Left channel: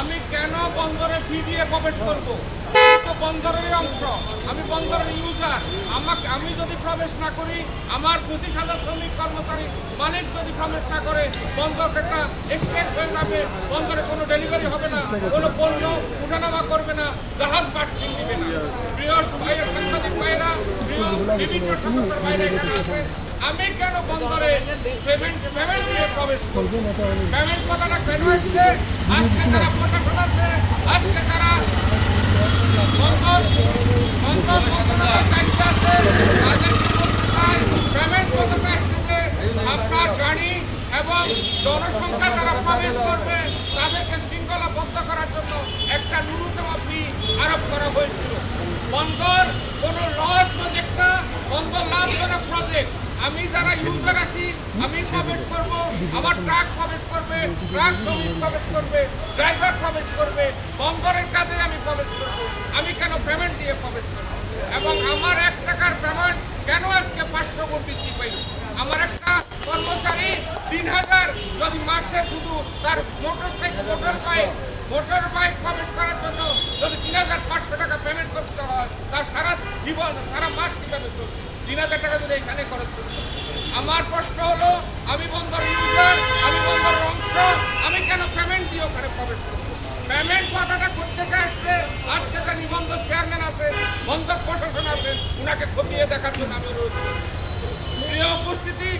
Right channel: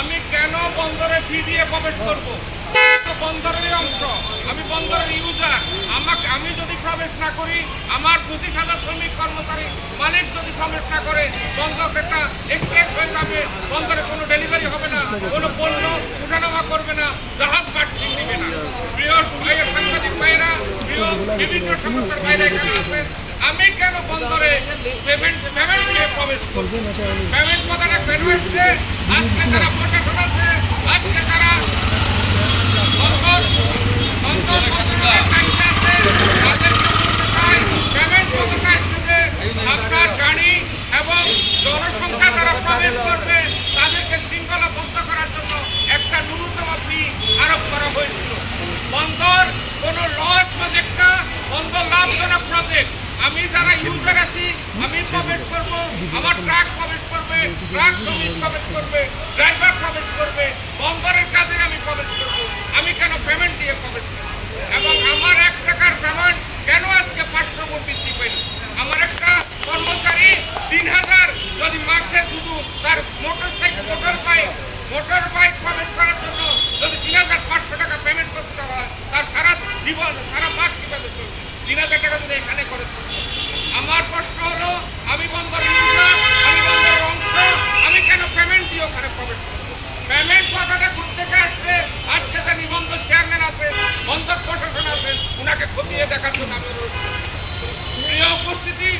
আমি কেন বন্দরে ফি দিয়ে প্রবেশ করব? তো বন্দরেরই অংশ, আমি বন্দরের ইউজার আমাকে আমি যদি প্রবেশ না করি, আমার পঁচিশ হাজার শ্রমিক কর্মচারী মালিক যদি প্রবেশ না করে বন্দর একটা এক্সটেন্ড হয়ে যাবে। বন্দরে কোনো ডেলিভারি হবে না, কোনো পণ্য উঠানামা করবে না, জাহাজ বাড়তি দিবে না। প্রিয় সাংবাদিক ভাইয়েরা, প্রিয় বিভিন্ন সংস্থার বাইরে এখানে আছেন আমি কেন বন্দরে পেমেন্ট পেমেন্ট দিয়ে প্রবেশ করব? পেমেন্ট কথাটা কেন এসছে আজকে তারা প্রশাসন আছে, আজকে তারা বন্দর বন্দর দায়িত্বে আছে তাদেরকে পেমেন্ট আপনার গাড়ি এবং জনসংখ্যা প্রবেশ করবে, তাদেরকে করার জন্য একটা করা হয়েছিল। কোনো লস প্রজেক্ট আমি যারা ইউজার আছি, আমি প্রবেশ করব, আমার ট্রাক প্রবেশ করবে, ট্রাক শ্রমিক প্রবেশ করবে, ড্রাইভার প্রবেশ করবে, বন্দরের কাজে আমি প্রবেশ করব। আমি কেন পেমেন্ট দিয়ে প্রবেশ করব? এবং আমার এক টাকার পেমেন্ট কেন আজকে পাঁচশো গুণ বৃদ্ধি পাইল? আমার একটা কর্মচারী তিন হাজার, যদি মাসে শুধু তার motorcycle motor bike motor bike প্রবেশ করার জন্য যদি তিন হাজার পাঁচশো টাকা পেমেন্ট করতে হয় তার সারা জীবন সারা মাস কীভাবে চলবে? তিন হাজার টাকা যদি এখানে খরচ করতে। আমার প্রশ্ন হলো, আমি বন্দর ইউজার আমি বন্দরের অংশ আমি কেন পেমেন্ট দিয়ে ওখানে প্রবেশ করব? পেমেন্ট কথাটা কোথেকে আসছে? আজকে যে নিবন্ধন চেয়ারম্যান আছে, বন্দর প্রশাসন আছেন ওনাকে খতিয়ে দেখার জন্য আমি রয়েছি উপস্থিতি